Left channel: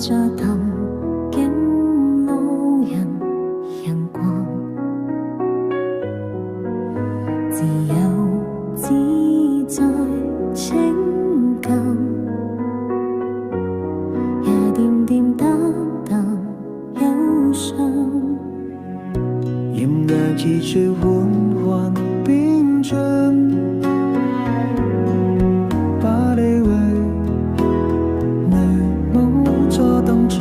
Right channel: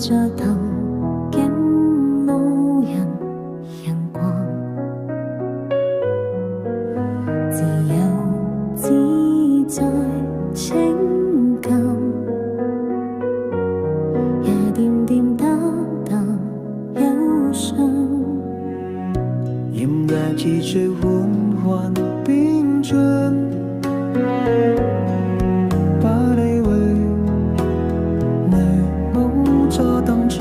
着頭竟無人陽光，自由自在情感，也點點淡淡憂傷。炎涼季節緩緩變盡，把你為你無咗登場，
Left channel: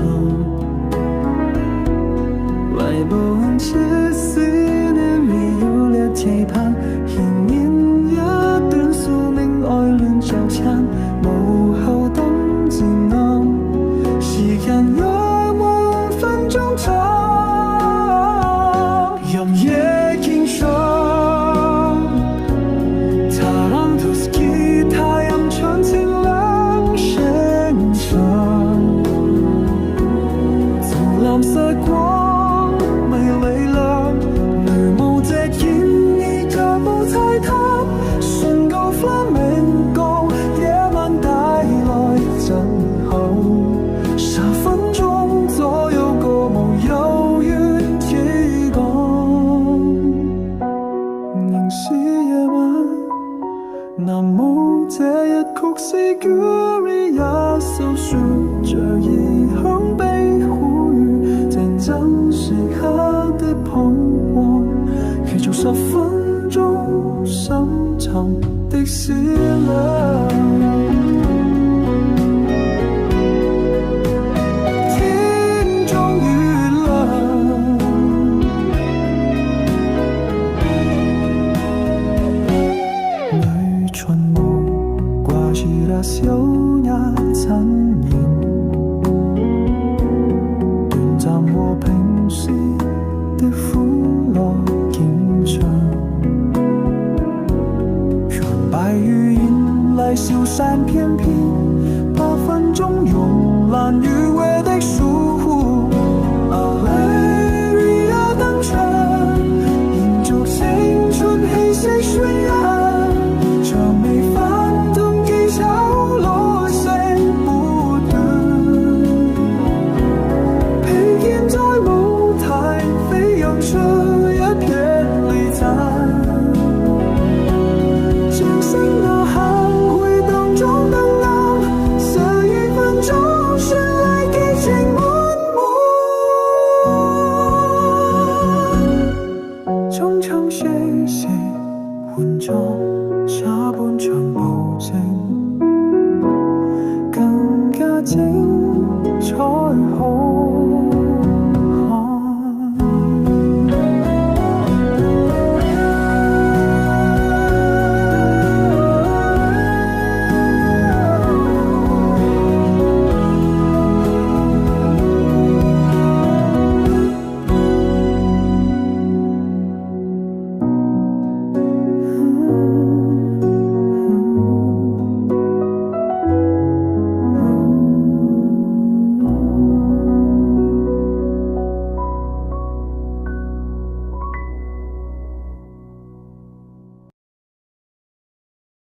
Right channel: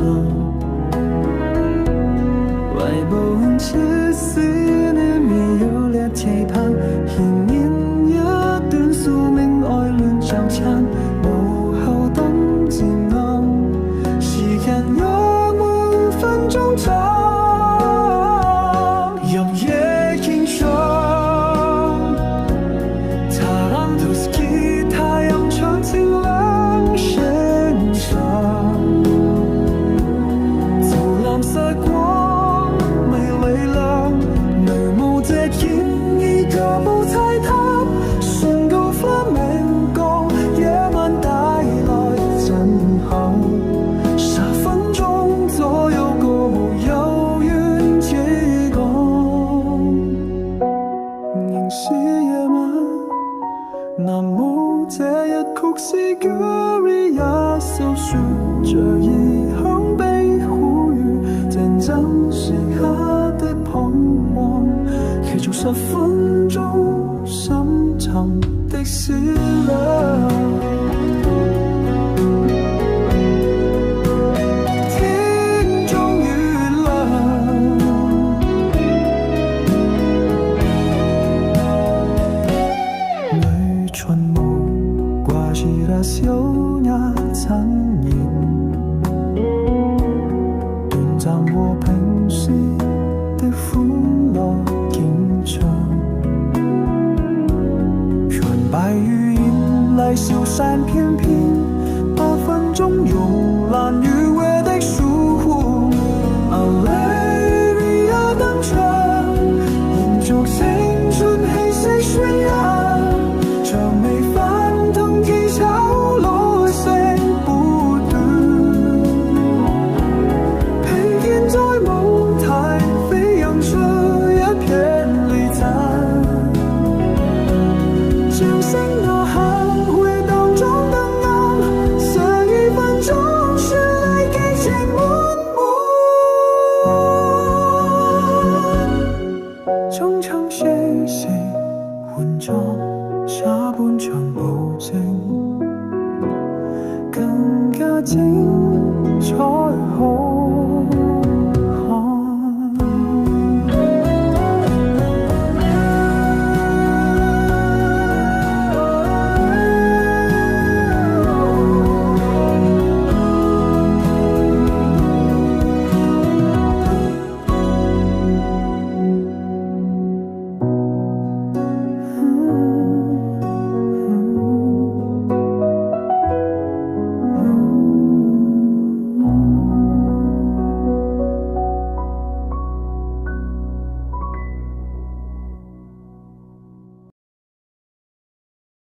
為無痕之思念沒有了期盼，一年一段宿命愛戀糾纏，無後燈漸暗，時間約滿分鐘走，任夜傾唱，他讓圖斯吉他揚唱清涼聲響，紫藍色光美麗亮，女巫這建議腳步踩踏，宣告 flamenco 夜晚帶來震撼，10分鐘左右歌舞悠遠幾講，仍是夜晚，難冇這一曲是 Gary 也訴說着異鄉悲苦與戰爭時刻的彷徨，繼續10分鐘深沉的思量。天終於亮，女春夢掛起了優雅殘言，短暫和平時的歡樂景象，讓白羽引來消散翩翩，8分鐘慵懶愉悅的疏忽，Aleria 登場，延續青春氣息渲染，像未翻騰技巧來聲不斷，披肩在舞台飛揚出一片禮讚，掌聲吶喊回蕩中燈暗，12分鐘絢麗激情滿滿，中場誰換裝下半場保證更加精彩好。